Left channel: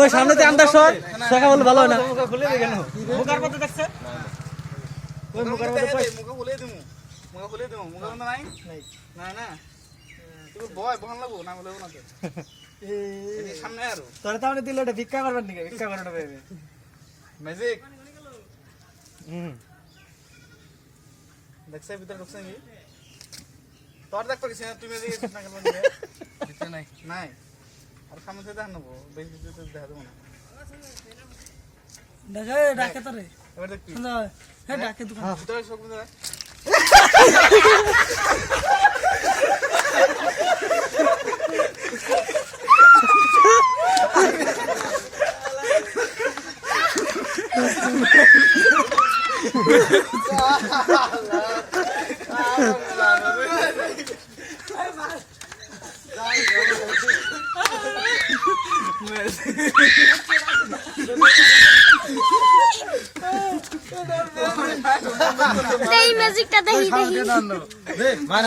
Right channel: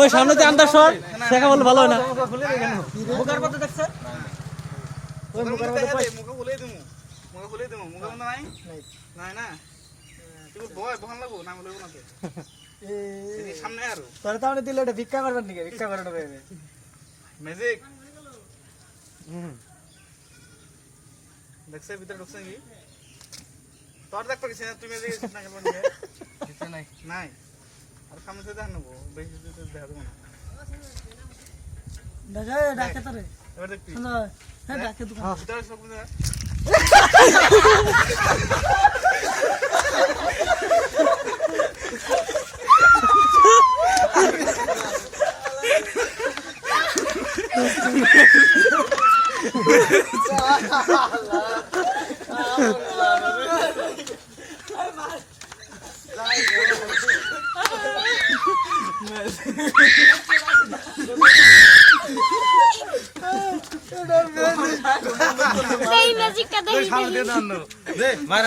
ওই সামনে দিয়ে আন্দাজ সর দেখা বলে ভালো হয় না মুখার মধ্যে দেখছ ওই মুখার মধ্যে মুখা খুলে দিমু মুখা বন্ধ নাই নাই না তুমি ভয় বহান লাগবো না বলবো না তো এই সামনে আরো তোরা তাহলে দিলে এটা ভিক্ষা করবেন নাকি ভিক্ষা করে নেবে ম্যাজিক দেখছ ভিতরে ঢুকছ নাকি তোর দেখ পারিস না তুমি ম্যাজিক না কেন নিয়ে ভিতরে নাই নাই আর সামনে থেকে দেখ নেবো বেশি দেখা দেবো না দেখে ডাকে তোরে এবার দেখবি হ্যাঁ ডাকে দোকান ভিতরে সব এই ম্যাজিকটা দেখি দেখি দে মার